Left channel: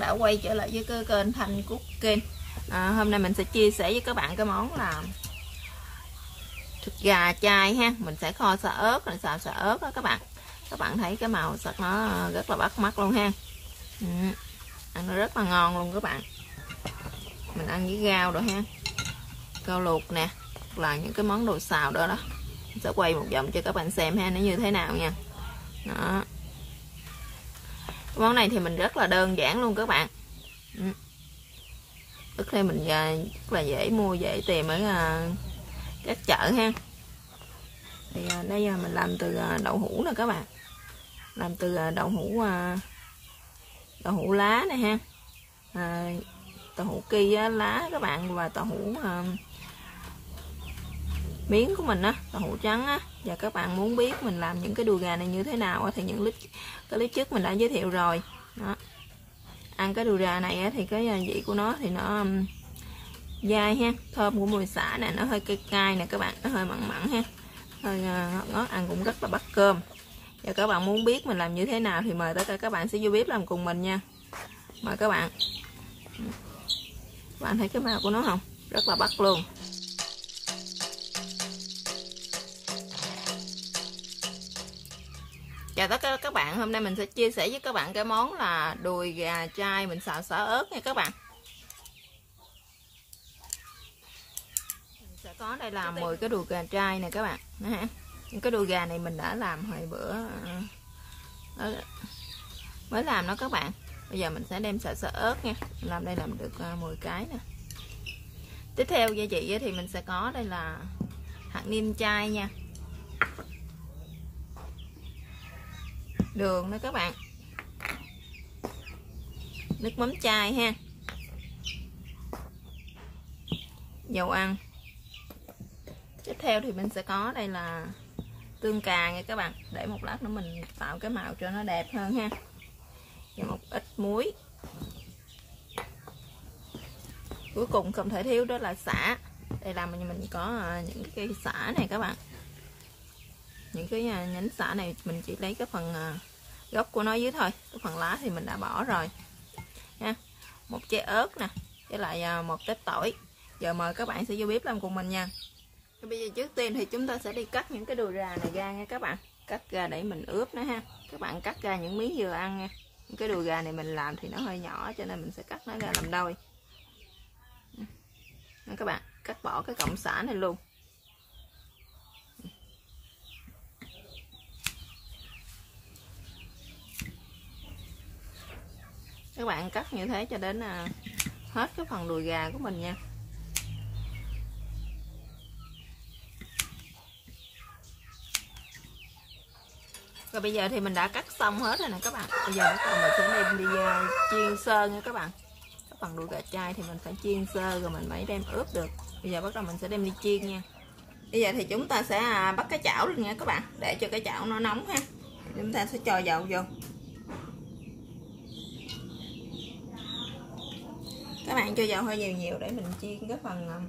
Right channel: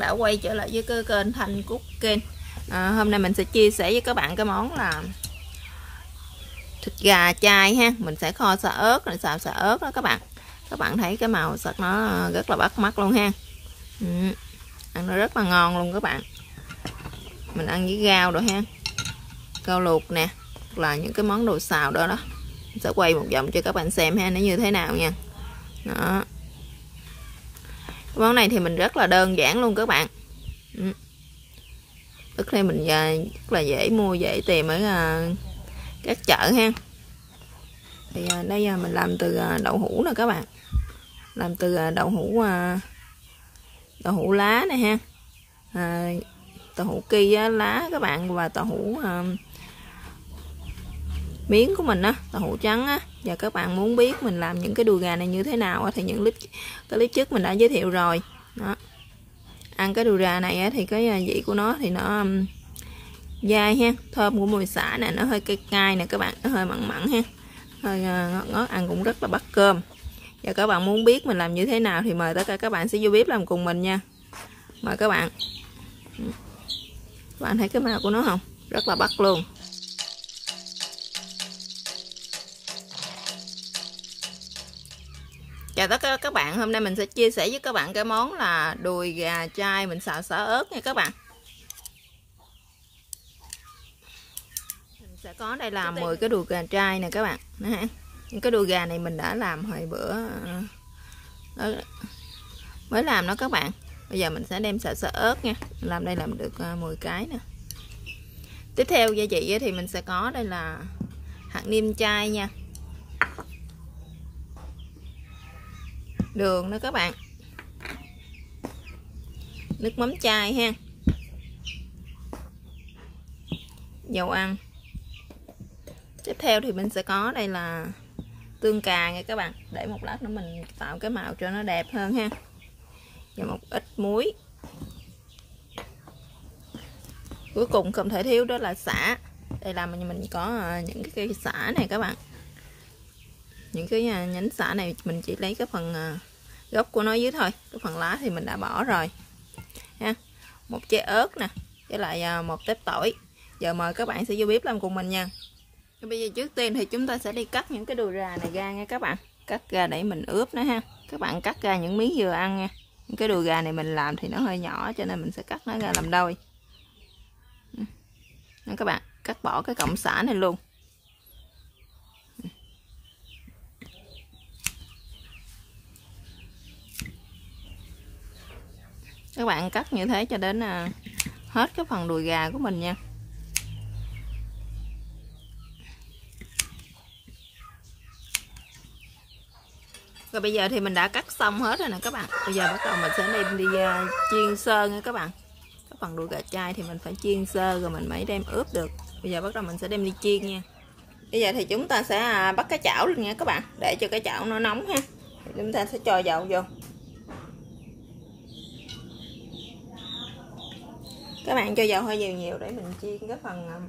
đã quay trở lại với cái kênh Thanh Cooking. Hôm nay mình sẽ chia sẻ với các bạn cái món là thịt gà chay ha. Mình sẽ kho xả ớt, rồi xào xả ớt đó các bạn. Các bạn thấy cái màu sắc nó rất là bắt mắt luôn ha. Ăn nó rất là ngon luôn các bạn. Mình ăn với rau rồi ha, rau luộc nè, hoặc là những cái món đồ xào đó. Mình sẽ quay một vòng cho các bạn xem ha, nó như thế nào nha. Đó. Món này thì mình rất là đơn giản luôn các bạn. Tức là mình rất là dễ mua, dễ tìm ở các chợ ha. Thì đây mình làm từ đậu hũ nè các bạn, làm từ đậu hũ lá này ha, đậu hũ ki lá các bạn, và đậu hũ miếng của mình á, đậu hũ trắng á. Và các bạn muốn biết mình làm những cái đùi gà này như thế nào thì những clip trước mình đã giới thiệu rồi đó. Ăn cái đùi gà này á, thì cái vị của nó thì nó dai ha, thơm của mùi xả nè, nó hơi cay cay nè các bạn, nó hơi mặn mặn ha, hơi ngọt, ăn cũng rất là bắt cơm. Và các bạn muốn biết mình làm như thế nào thì mời tất cả các bạn sẽ vô bếp làm cùng mình nha. Mời các bạn. Các bạn thấy cái màu của nó không? Rất là bắt luôn. Chào tất cả các bạn, hôm nay mình sẽ chia sẻ với các bạn cái món là đùi gà chay mình xào xả ớt nha các bạn. Mình sẽ có đây là 10 cái đùi gà chay nè các bạn. Những cái đùi gà này mình đã làm hồi bữa mới làm đó các bạn. Bây giờ mình sẽ đem xào xả ớt nha. Mình làm đây làm được 10 cái nè. Tiếp theo gia vị thì mình sẽ có đây là hạt nêm chay nha, đường nữa các bạn, nước mắm chay ha, dầu ăn. Tiếp theo thì mình sẽ có đây là tương cà nha các bạn, để một lát nữa mình tạo cái màu cho nó đẹp hơn ha, và một ít muối. Cuối cùng không thể thiếu đó là sả. Đây là mình có những cái cây sả này các bạn. Những cái nhánh sả này mình chỉ lấy cái phần gốc của nó dưới thôi, cái phần lá thì mình đã bỏ rồi ha. Một trái ớt nè, với lại một tép tỏi. Giờ mời các bạn sẽ vô bếp làm cùng mình nha. Bây giờ trước tiên thì chúng ta sẽ đi cắt những cái đùi gà này ra nha các bạn. Cắt ra để mình ướp nó ha. Các bạn cắt ra những miếng vừa ăn nha. Những cái đùi gà này mình làm thì nó hơi nhỏ, cho nên mình sẽ cắt nó ra làm đôi. Các bạn cắt bỏ cái cọng sả này luôn. Các bạn cắt như thế cho đến hết cái phần đùi gà của mình nha. Rồi bây giờ thì mình đã cắt xong hết rồi nè các bạn. Bây giờ bắt đầu mình sẽ đem đi chiên sơ nha các bạn. Cái phần đùi gà chay thì mình phải chiên sơ rồi mình mới đem ướp được. Bây giờ bắt đầu mình sẽ đem đi chiên nha. Bây giờ thì chúng ta sẽ bắt cái chảo lên nha các bạn, để cho cái chảo nó nóng ha. Chúng ta sẽ cho dầu vô. Các bạn cho dầu hơi nhiều nhiều để mình chiên cái phần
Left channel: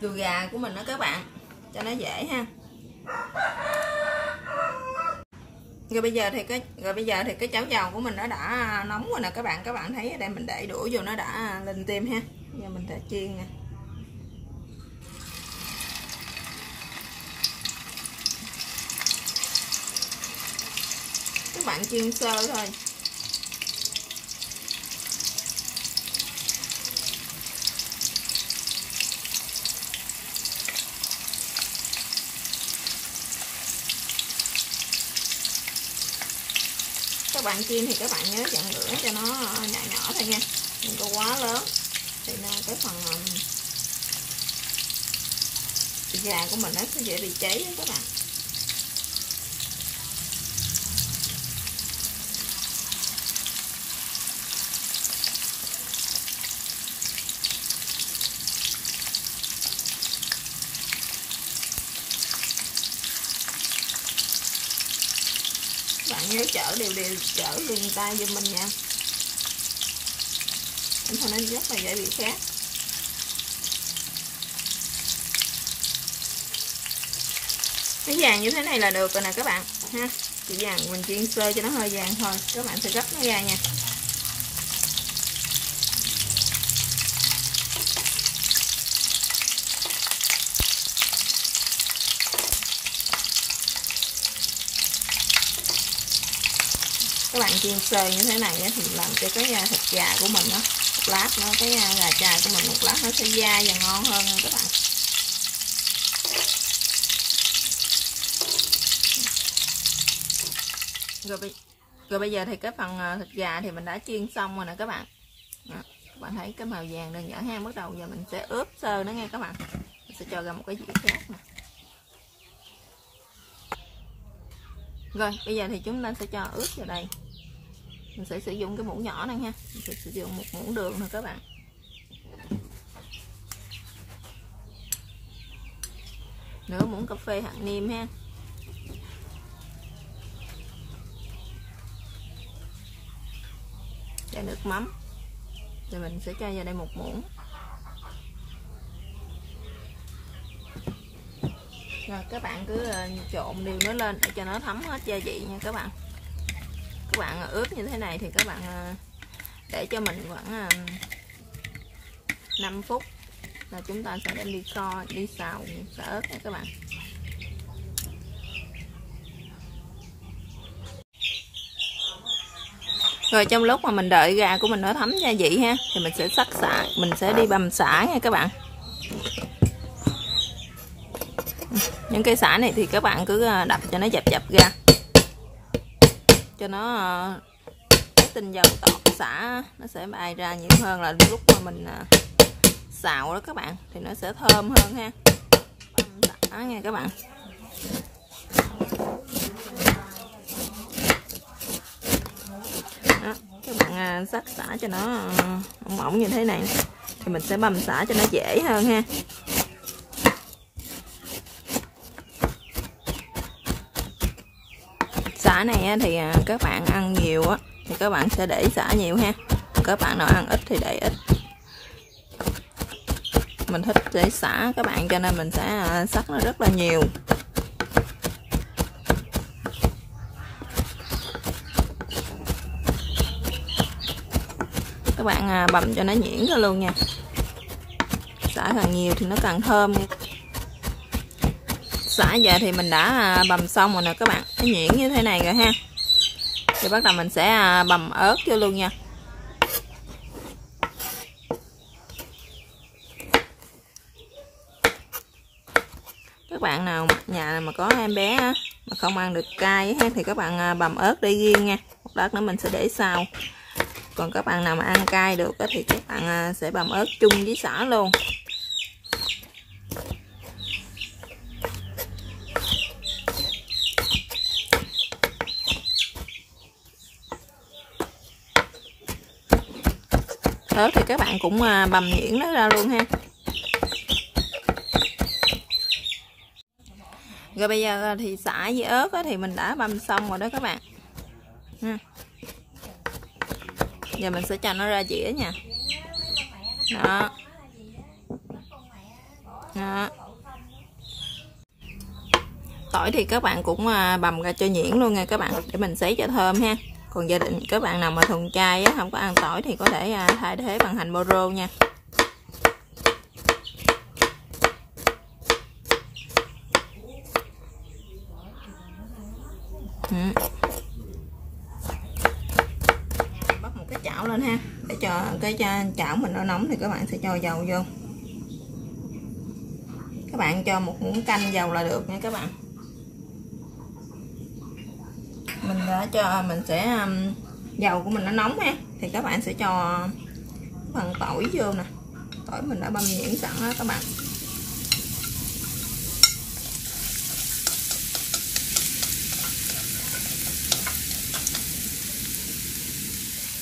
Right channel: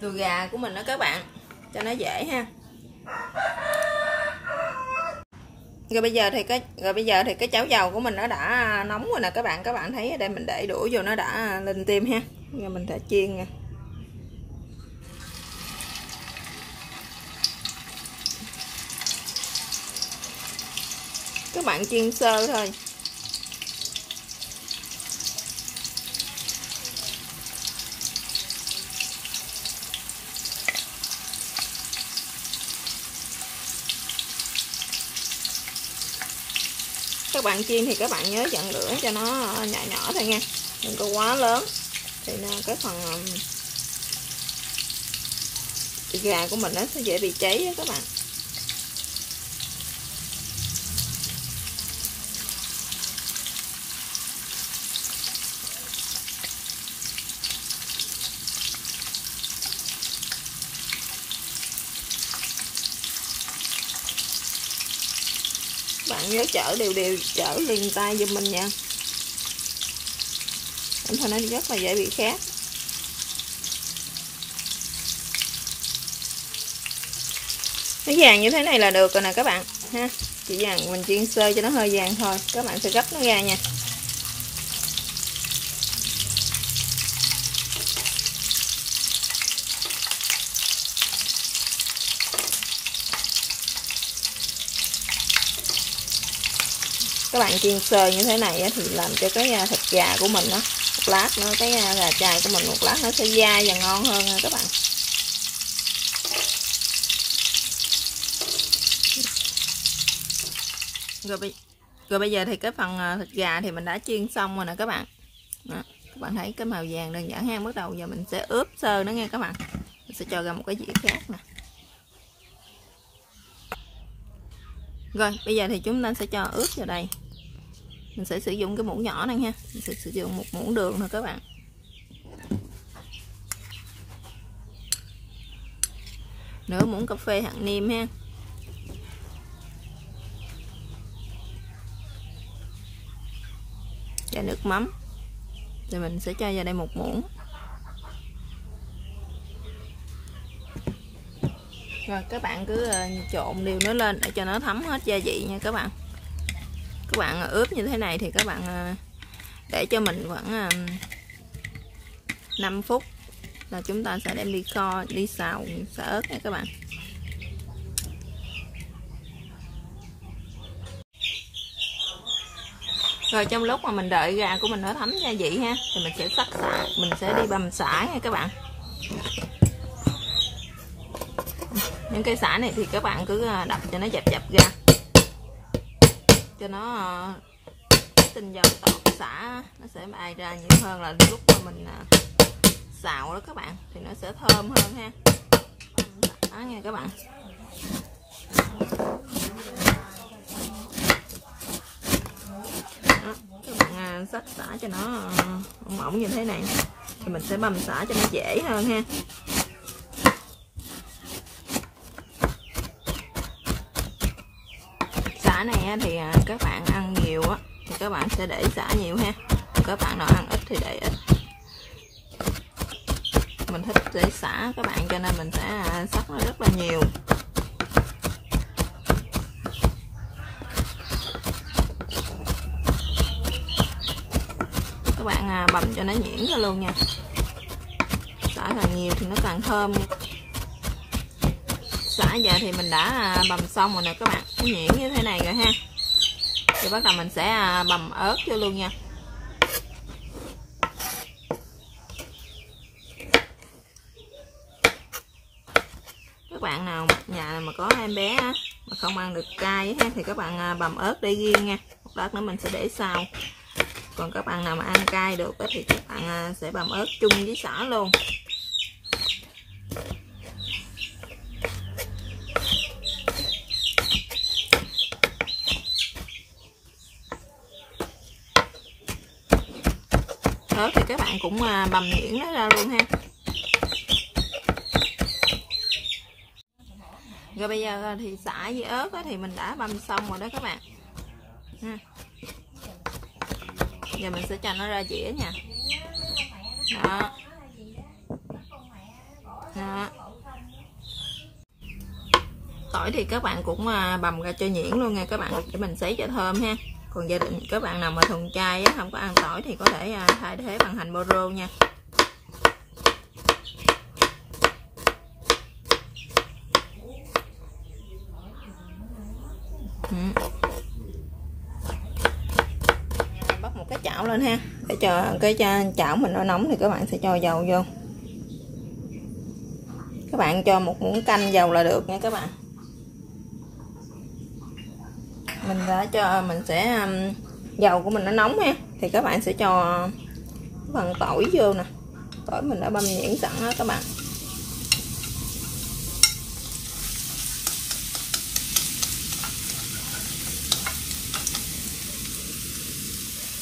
đùi gà của mình đó các bạn, cho nó dễ ha. Rồi bây giờ thì cái chảo dầu của mình nó đã nóng rồi nè các bạn. Các bạn thấy ở đây mình để đũa vô nó đã lên tim ha. Giờ mình sẽ chiên nè. Các bạn chiên sơ thôi. Các bạn chiên thì các bạn nhớ dặn lửa cho nó nhỏ nhỏ thôi nha, đừng có quá lớn, thì cái phần thịt gà của mình nó sẽ dễ bị cháy đó các bạn. Bạn nhớ chở đều chở liền tay giùm mình nha, thôi nó rất là dễ bị khét. Cái vàng như thế này là được rồi nè các bạn ha. Chỉ vàng mình chiên sơ cho nó hơi vàng thôi, các bạn sẽ gấp nó ra nha. Các bạn chiên sơ như thế này thì làm cho cái thịt gà của mình một lát nữa, cái gà chài của mình một lát nó sẽ dai và ngon hơn nha các bạn. Rồi bây giờ thì cái phần thịt gà thì mình đã chiên xong rồi nè các bạn. Đó, các bạn thấy cái màu vàng đơn giản ha. Bắt đầu giờ mình sẽ ướp sơ nó nha các bạn. Mình sẽ cho ra một cái dĩa khác nè. Rồi bây giờ thì chúng ta sẽ cho ướp vào đây. Mình sẽ sử dụng cái muỗng nhỏ này ha. Mình sẽ sử dụng một muỗng đường thôi các bạn. Nửa muỗng cà phê hạt nêm ha. Và nước mắm. Rồi mình sẽ cho vào đây một muỗng. Rồi các bạn cứ trộn đều nó lên để cho nó thấm hết gia vị nha các bạn. Các bạn ướp như thế này thì các bạn để cho mình khoảng 5 phút là chúng ta sẽ đem đi kho, đi xào xả ớt nha các bạn. Rồi trong lúc mà mình đợi gà của mình nó thấm gia vị ha, thì mình sẽ sắc sả, mình sẽ đi băm sả nha các bạn. Những cây sả này thì các bạn cứ đập cho nó dập ra, cho nó tinh dầu tọt sả nó sẽ bay ra nhiều hơn là lúc mà mình xào đó các bạn, thì nó sẽ thơm hơn ha. Đó nha các bạn. Đó, các bạn sắc sả cho nó mỏng mỏng như thế này thì mình sẽ băm sả cho nó dễ hơn ha. Sả này thì các bạn ăn nhiều thì các bạn sẽ để sả nhiều ha. Các bạn nào ăn ít thì để ít. Mình thích để sả các bạn cho nên mình sẽ sắc nó rất là nhiều. Các bạn bằm cho nó nhuyễn ra luôn nha. Sả càng nhiều thì nó càng thơm. Sả giờ thì mình đã bằm xong rồi nè các bạn, nó nhuyễn như thế này rồi ha. Thì bắt đầu mình sẽ bằm ớt vô luôn nha. Các bạn nào nhà mà có em bé mà không ăn được cay thì các bạn bằm ớt để riêng nha. Một lát nữa mình sẽ để sau. Còn các bạn nào mà ăn cay được thì các bạn sẽ bằm ớt chung với sả luôn. Ớt thì các bạn cũng bằm nhuyễn nó ra luôn ha. Rồi bây giờ thì sả với ớt thì mình đã băm xong rồi đó các bạn. Giờ mình sẽ cho nó ra dĩa nha. Đó. Đó. Tỏi thì các bạn cũng bằm ra cho nhuyễn luôn nha các bạn, để mình sấy cho thơm ha. Còn gia đình các bạn nào mà thuần chay không có ăn tỏi thì có thể thay thế bằng hành boro nha. Bắt một cái chảo lên ha, để cho cái chảo mình nó nóng thì các bạn sẽ cho dầu vô. Các bạn cho một muỗng canh dầu là được nha các bạn. Mình sẽ dầu của mình nó nóng ha, thì các bạn sẽ cho phần tỏi vô nè. Tỏi mình đã băm nhuyễn sẵn đó các bạn.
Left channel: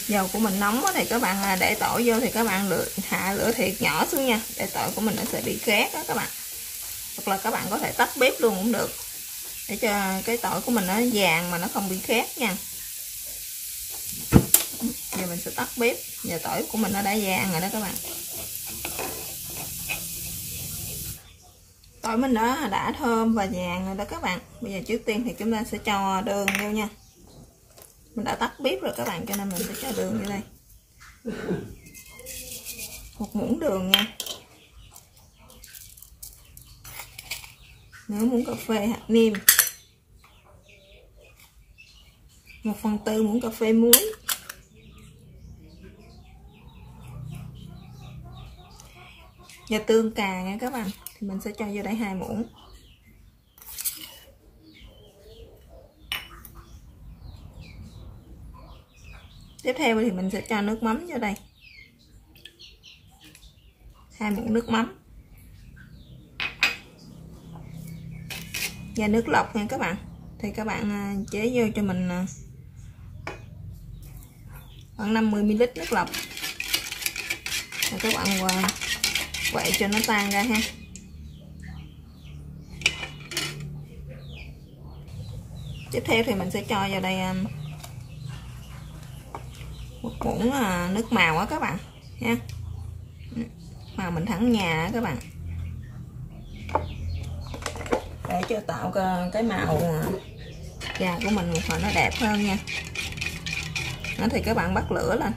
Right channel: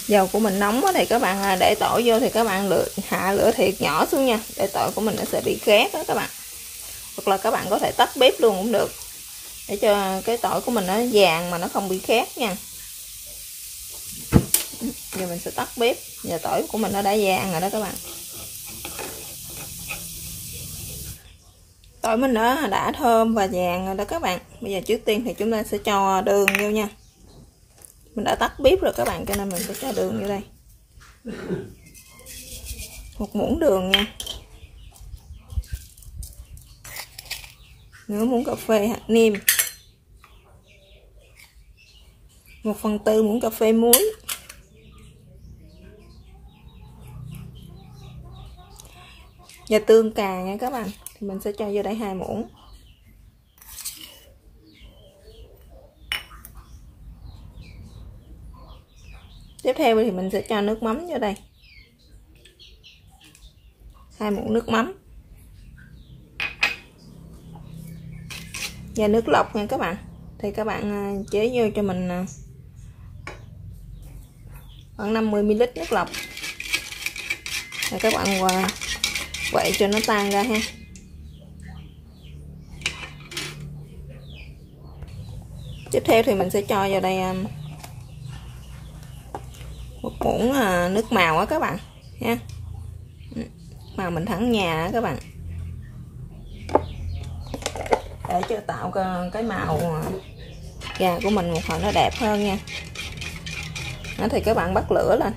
Dầu của mình nóng thì các bạn để tỏi vô thì các bạn hạ lửa thiệt nhỏ xuống nha, để tỏi của mình nó sẽ bị khét đó các bạn. Hoặc là các bạn có thể tắt bếp luôn cũng được, để cho cái tỏi của mình nó vàng mà nó không bị khét nha. Giờ mình sẽ tắt bếp. Giờ tỏi của mình nó đã vàng rồi đó các bạn. Tỏi mình nó đã thơm và vàng rồi đó các bạn. Bây giờ trước tiên thì chúng ta sẽ cho đường vô nha. Mình đã tắt bếp rồi các bạn, cho nên mình sẽ cho đường vô đây. Một muỗng đường nha. Nửa muỗng cà phê hạt nêm. 1/4 muỗng cà phê muối. Và tương cà nha các bạn, thì mình sẽ cho vô đây 2 muỗng. Tiếp theo thì mình sẽ cho nước mắm vô đây, 2 muỗng nước mắm. Và nước lọc nha các bạn, thì các bạn chế vô cho mình khoảng 50 ml nước lọc. Rồi các bạn quậy cho nó tan ra ha. Tiếp theo thì mình sẽ cho vào đây 1 muỗng nước màu á các bạn ha, màu mình thắng nhà á các bạn, để cho tạo cái màu gà của mình một hồi nó đẹp hơn nha. Đó, thì các bạn bắt lửa lên.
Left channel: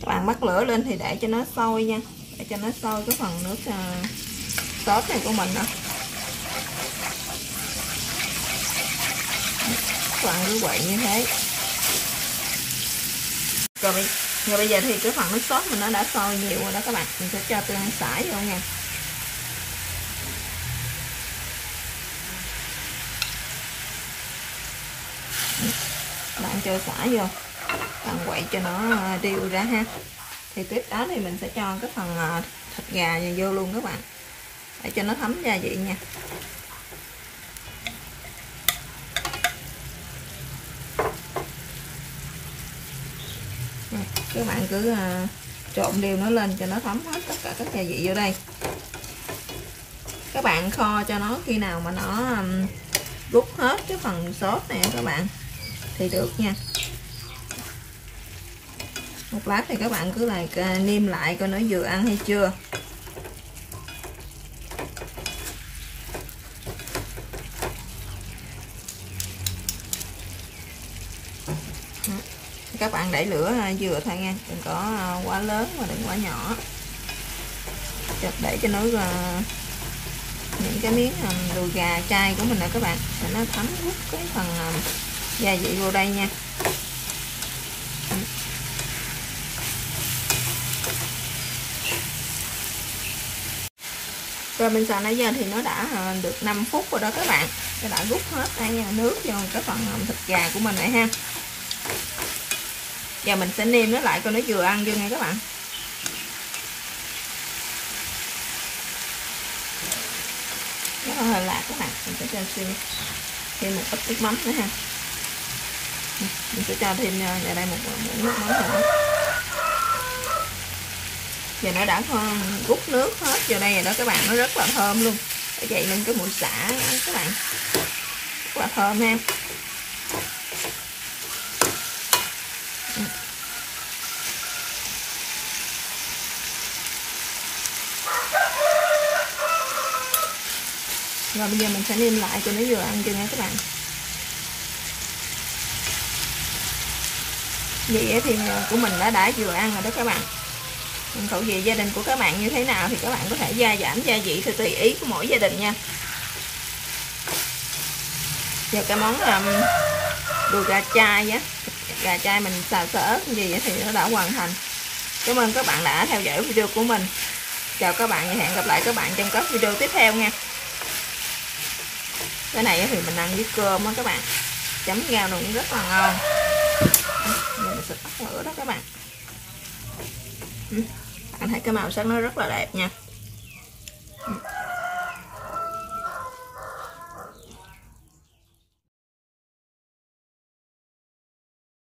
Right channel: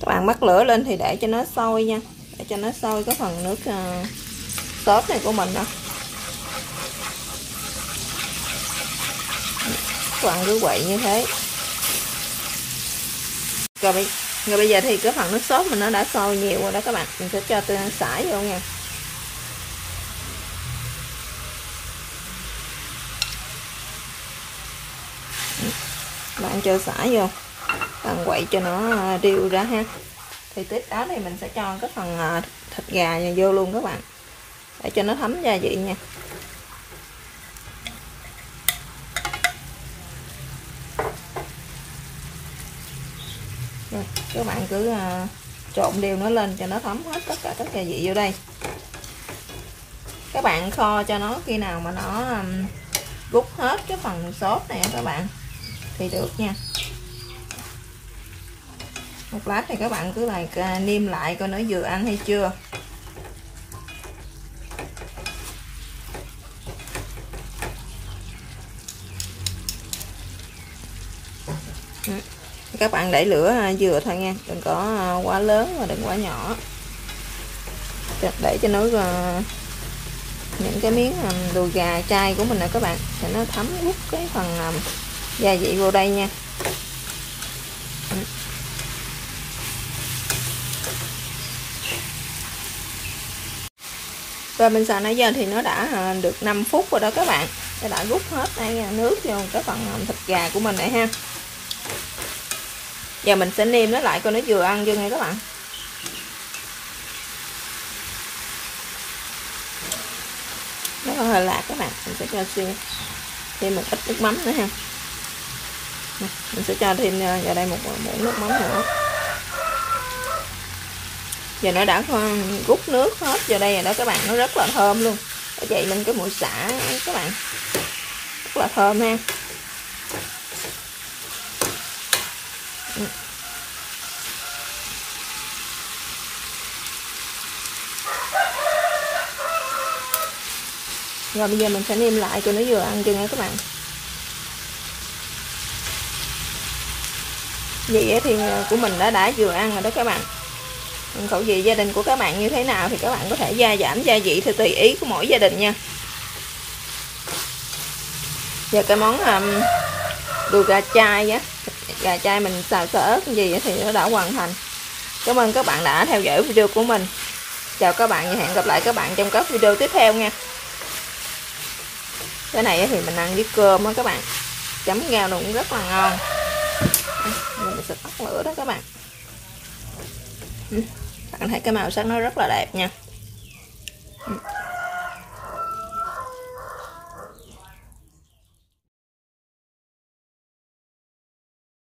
Các bạn bắt lửa lên thì để cho nó sôi nha, để cho nó sôi cái phần nước sốt này của mình đó. Các bạn cứ quậy như thế. Rồi bây giờ thì cái phần nước sốt mình nó đã sôi nhiều rồi đó các bạn, mình sẽ cho tương xả vô nha. Bạn cho xả vô, bạn quậy cho nó đều ra ha. Thì tiếp đó thì mình sẽ cho cái phần thịt gà này vô luôn các bạn, để cho nó thấm gia vị nha. Rồi, các bạn cứ trộn đều nó lên cho nó thấm hết tất cả các gia vị vô đây. Các bạn kho cho nó khi nào mà nó rút hết cái phần sốt này các bạn thì được nha. Một lát thì các bạn cứ lại nêm lại coi nó vừa ăn hay chưa. Các bạn để lửa vừa thôi nha, đừng có quá lớn và đừng quá nhỏ, để cho nó những cái miếng đùi gà chay của mình nè các bạn, để nó thấm hút cái phần gia vị vô đây nha. Rồi mình xào nãy giờ thì nó đã được 5 phút rồi đó các bạn, nó đã rút hết đây nước vô cái phần thịt gà của mình này ha. Giờ mình sẽ nêm nó lại coi nó vừa ăn chưa nha các bạn. Nó hơi lạc các bạn, mình sẽ cho thêm một ít nước mắm nữa ha. Mình sẽ cho thêm vào đây một muỗng nước mắm nữa. Giờ nó đã rút nước hết vào đây rồi đó các bạn, nó rất là thơm luôn. Để vậy nên cái mùi xả các bạn rất là thơm ha. Rồi bây giờ mình sẽ nêm lại cho nó vừa ăn cho nha các bạn. Vậy thì của mình đã vừa ăn rồi đó các bạn. Khẩu vị gia đình của các bạn như thế nào thì các bạn có thể gia giảm gia vị theo tùy ý của mỗi gia đình nha. Giờ cái món đùi gà chay á, gà chay mình xào sơ ớt gì thì nó đã hoàn thành. Cảm ơn các bạn đã theo dõi video của mình. Chào các bạn và hẹn gặp lại các bạn trong các video tiếp theo nha. Cái này thì mình ăn với cơm á các bạn, chấm rau cũng rất là ngon. Mình sẽ tắt lửa đó các bạn. Bạn thấy cái màu sắc nó rất là đẹp nha.